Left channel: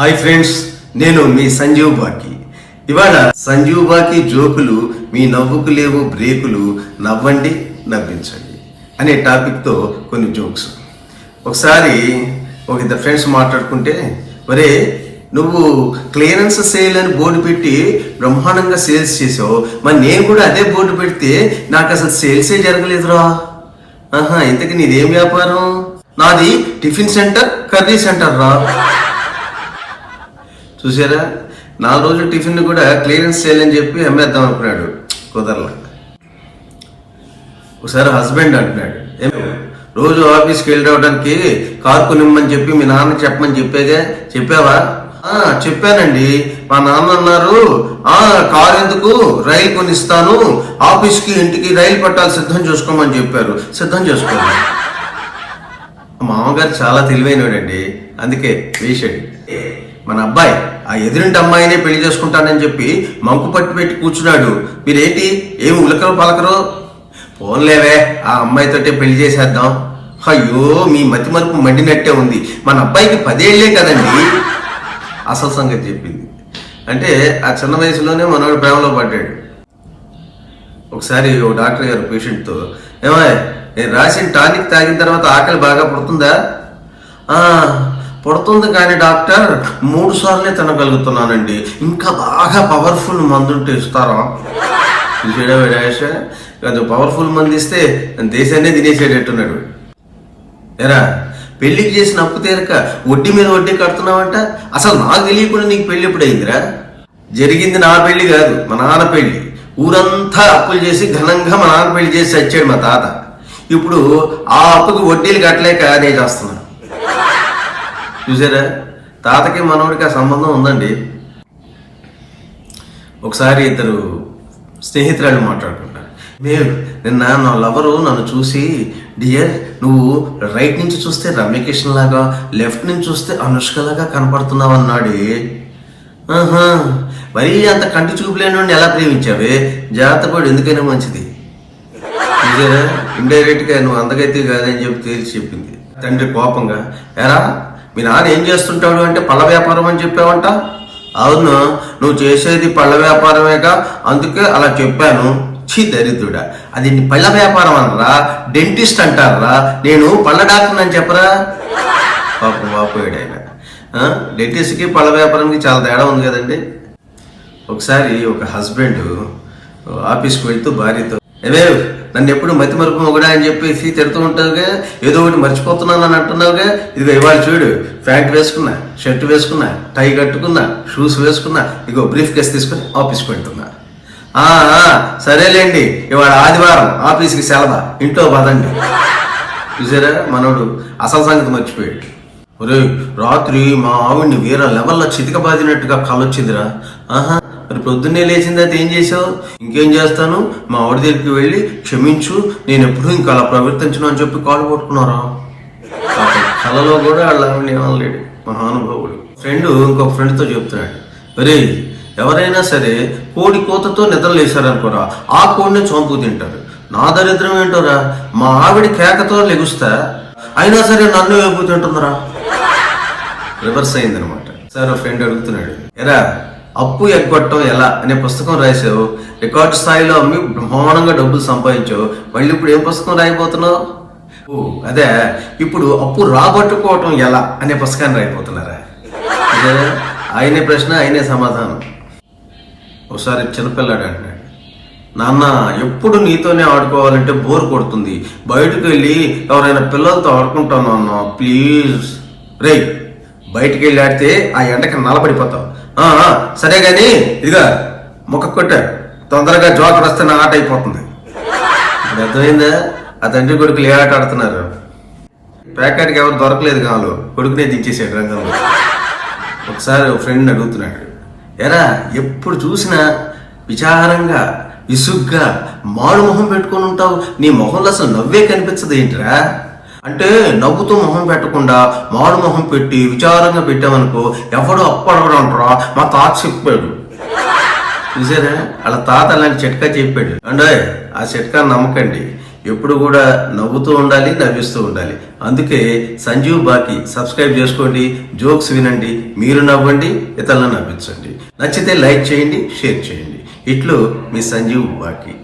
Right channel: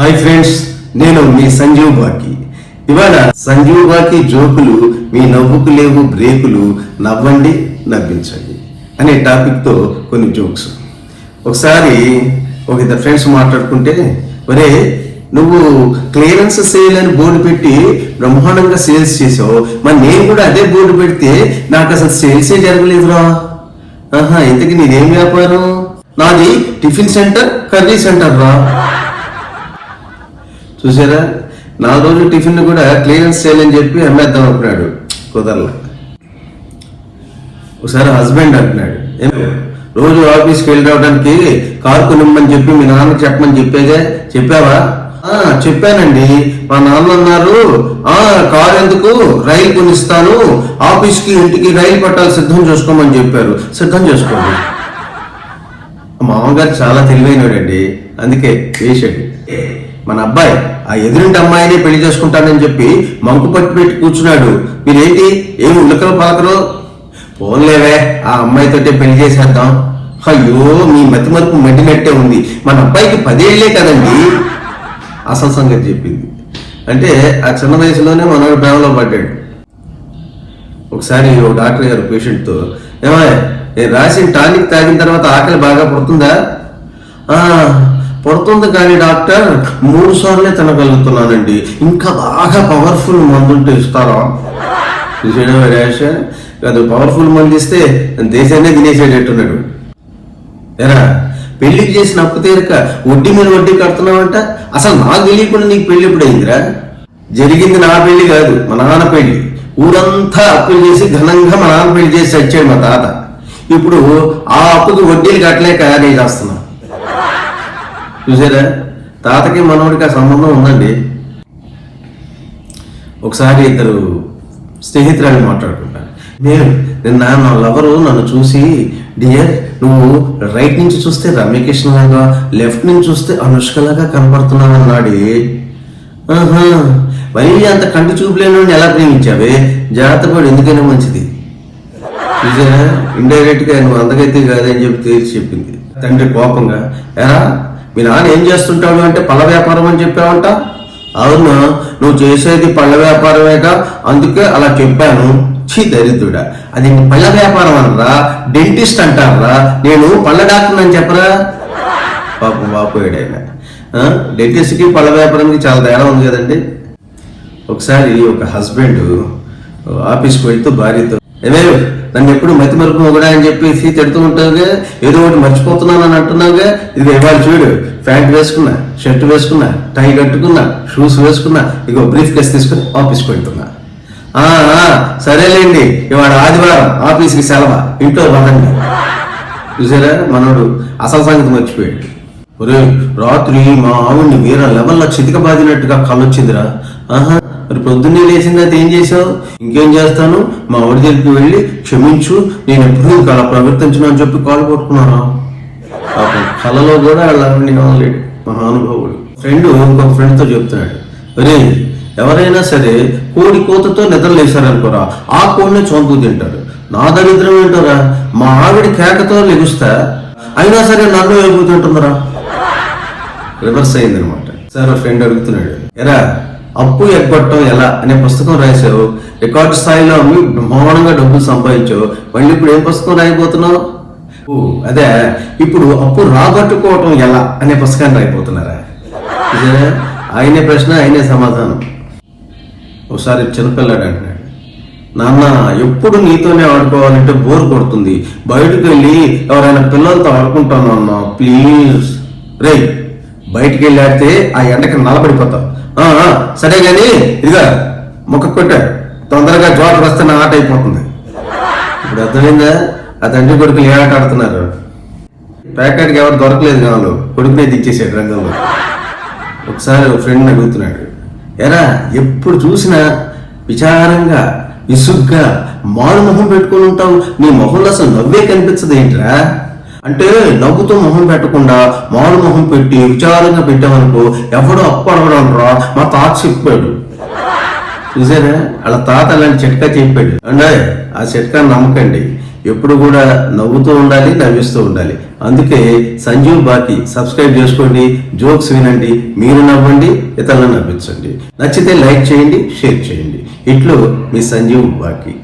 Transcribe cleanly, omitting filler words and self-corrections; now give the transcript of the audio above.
Hi friends, నేను మీ సంజీవ్ బాకి. ఇవాళ సంజీవ్ బాకి జోకులు, మీ నవ్వుకు లేవు బ్రేకులు, నవ్వండి నవ్వించండి అనే టాపిక్ తో కొన్ని జోక్స్. ఒకసారి ఒక ఇద్దరు ఫ్రెండ్స్ మాట్లాడుకుంటే, ఒరే నువ్వు క్లియరెన్స్ సేల్ అని బోర్డు పెట్టి బ్రహ్మాండంగా సేల్స్ చేసావు, మరి నేను కూడా అదే బోర్డు పెడితే నాకు అసలు సేల్సే జరగలేదురా. ఇంతకీ నీదేం వ్యాపారం? నాది టిఫిన్ సెంటర్, కర్రీ సెంటర్ రా. చూసారా, 4 రోజులు టిఫిన్ కూడా క్లియరెన్స్ సేల్ అని చెప్పి అమ్మేద్దాం అనుకున్నాడు, కుదరలా. ఒకసారి హస్బెండ్ అంటున్నాడు, రోజు ఆఫీస్కి వెళ్ళి రావడానికి కారు కొనిమ్మని చెప్పి మీ నాన్నకి చెప్పమని చెప్పావా? చెప్పానండి, మా నాన్న అన్నారు కారు ఎందుకు, రైలు కొనిస్తాను, ఆఫీస్కి ఇంటికి రైలు పట్టాలి సిద్ధం చేసుకోమని చెప్పారు. సిద్ధం చేసుకోండి. మామగారు చాలా తెలివైనడండి, అందుకే వేసాడు. మన అబ్బాయి ఆ ఎదురింటి అమ్మాయినే పెళ్లి చేసుకుంటానని చెప్పి మంకు పట్టు పెట్టి కూర్చున్నాడు. మీరేంటి ఏమి ఉలకరో పలకరో? పోన్లేవే, ఆ అమ్మాయితోటే పెళ్లి చేసేద్దాం. అయ్యో, మీ మతి మరుపు మండినట్టే ఉంది. మన అబ్బాయికి 10 ఏళ్లే కదండి. అసలు సంగతి చెప్పింది. అంటే ఆ చిన్న వయసులోనే మనవాడు ప్రేమలో పడ్డాడు. ఒకసారి ఒక డాక్టర్ గారు పేషెంట్తో, ఏమయ్య నేను రాసిన టానిక్ తాగిన తర్వాత ఆకలి బాగా పడుతుందా? పడుతుంది కానీ డాక్టర్ 3 సార్లే తినగలుగుతున్నానండి, ఇంకా బాగా పవర్ఫుల్ మందుంటే ఇస్తారా? చూసేయడం కాదు, పవర్ఫుల్ మంది ఇస్తే దేశాన్నే తినేసేటట్టున్నాడు. ఎరా, పెళ్లికి చేసిన అప్పు తీరక వడ్డీ మీద వడ్డీ కడుతున్నావంట. అసలు నాకు తెలియకుండా నీకు పెళ్లి ఎప్పుడైందిరా? జరిగింది నా పెళ్లి కాదు, మా నాన్న పెళ్లి. ఊరంతా అప్పులు చేసి ఘనంగా మా నాన్న పెళ్లి చేసి చచ్చాడు మా తాత. ఇప్పుడు ఆ అప్పుకి వడ్డీలు కట్టలేక నేను చేస్తున్నా. చూసారా, తాతకి మనోడికి ఆ సంబంధం ఉందండి. ఒకసారి ఇద్దరు స్నేహితురాలు మాట్లాడుకుంటారు. నిన్న నా లవరు నన్ను చూసి, డియర్ నువ్వు రైట్ నుంచి చూస్తే రమ్యకృష్ణ లాగా, లెఫ్ట్ నుంచి చూస్తే అనుష్క లాగా కనపడుతున్నావు అన్నాడు. మరీ అంత కంటి చూపులేని ఎలా ప్రేమించావే? జాగ్రత్తపడు, ఎందుకైనా మంచిది. చూసారా, ఇండైరెక్ట్ గా నువ్వు అందగైతే కాదని చెప్పి చెప్పింది. తండ్రి కోపంగా, ఎరా మీ నాన్న ఏం చేస్తుంటాడు అంటే పళ్ళ వ్యాపారం అని చెప్పావంట. అవును, నువ్వు చేసేది పళ్ళ వ్యాపారమేగా, అందుకే అలా చెప్పాను. చీ దరిద్రుడా, అది పళ్ళ వ్యాపారం అనరా, డెంటిస్ట్ అంటారా? నేను పళ్ళ డాక్టర్ అని చెప్పరా? పాపం వాపోయాడు ఆయన. డెంటిస్ట్కి పళ్ళ వ్యాపారానికి చాలా తేడా ఉంది కదండి. ఒకసారి ఒక హస్బెండ్ ఆఫీస్కి వెళ్తూ భార్యతో, నన్ను ఎప్పుడు మతి మరుపు మొగడా అని చెప్పేసి తిడుతూ ఉంటావుగా, ఏదో ఒకటి మర్చిపోతున్నాను అని అంటున్నావుగా. ఇదిగో ఇవాళ చూడు, ప్యాంట్ వేసుకున్నా, షర్ట్ వేసుకున్నా, టై కట్టుకున్నా, షూస్ వేసుకున్నా, ఇగో బ్రీఫ్ కేస్ తీసుకుని ఆఫీస్కి వెళ్తున్నా. సరేలేండి, ఇవాళ ఆదివారం ఆఫీస్కి సెలవు, ఇంట్లో పదండి. చూసారా, మనోడు అసలు సంగతి మర్చిపోయాడు. ఒరే, రాత్రి మా ఆవిడ్ని వేరే లెవెల్లో చితిక బాదినట్టుగా కలొచ్చిందిరా. మరి పొద్దున్నే లేచింది, అది ఏం చేసావు? ఇంకేం చేస్తాను, మా ఆవిడ దగ్గరికి వెళ్ళి క్షమించు, నేను ఎప్పుడు ఇంకా అలా ప్రవర్తించను అని చెప్పి కాలు పట్టుకున్నారా. పాపం కళలో కూడా అలా ఏమనలేడు మహానుభావుడు. ఫ్రెండ్ ఇంకొక ఫ్రెండ్తో చెప్తున్నాడు, ఒరే ఎవరైనా సరే కోడి కోతతో నిద్రలేశారనుకోరా, ఆ కోడిని చంపు తింటారు. నా దరిద్రం ఏంటోరా, మా ఆవిడ కేకతో లెగుస్తా, అయినా సరే నన్ను వేపుతుంటుందిరా. రివర్స్ అయిందనమాట. సార్ ఫ్రెండ్ అడుగుతున్నాడు, ఎరా అప్పు ఎగ్గొట్టడం ఎలా అనే పుస్తకం రాసావు, రికార్డు స్థాయిలో అమ్మి బ్రహ్మాండంగా డబ్బులు సంపాదించావు, మళ్ళీ ఇప్పుడు ఏం పుస్తకం రాయిపోతున్నావు? అదే, ఇప్పుడు అప్పు రాబట్టుకోవటం ఎలా అనే పుస్తకాన్ని రాయిపోతున్నారా? ఆయనే ప్రశ్న, ఆయనే సమాధానం. ఒకసారి చిన్నపిల్లాడు అంటున్నాడు, నాన్న ఎప్పుడు నీతోనే ఆడుకోవాలంటే బోర్ కొడుతుంది, బయటకు వెళ్ళి ఎవరైనా పిల్లలతో ఆడుకుంటాను అన్న ప్లీజ్. రే, బయటికి వెళ్ళి ఆడితే ఆ ఎండకి నల్లబడిపోతావు. సరే గాని ఇదిగా మొక్క కొట్ట, తొందరగా జోకర్ వస్తే నా ఆట అయిపోతుంది. ఇప్పుడు అర్థమైందా? ఆ తండ్రి కొడుకులు ఏ ఆట ఆడుతున్నారు. ప్యాకెట్కి ఎవరు దొరకలేదు కావాలి, కొడుకునే దిచ్చేసాడు రంగంలో. ఒకసారి ఒక ఫ్రెండ్ని అడుగుతున్నాడు, ఎరా ఎప్పుడు చూసినా విచారంగా విసుగ్గా మారు మొహం పెట్టుకుని ఉంటావు, నీ మొహంలో అసలు నవ్వే కనిపించదు ఏంట్రా? అంటే నవ్వుతూ మొహం పెట్టకుండా మారు మొహం పెట్టి విచారంగా పెట్టామనుకో, ఎవడో అప్పు అడగడంట్రా, మా తాత చెప్పాడు. చూసారా, అలా తాత అలాంటి చిట్కా చెప్పాడు. అంటే ఆ చిట్కా నమ్మకండి. ఎప్పుడు కూడా నవ్వుతూ ఉండాలి, నవ్విస్తూ ఉండాలి. అందుకే సంజీవ్ బాకి సబ్స్క్రైబ్ చేసుకోండి, జోక్స్ వినండి, మీరు నవ్వండి, ఇతరులను నవ్వించండి. నచ్చితే లైక్ చేయండి, షేర్ చేయండి. ఇట్లు మీ సంజీవ్ బాకి.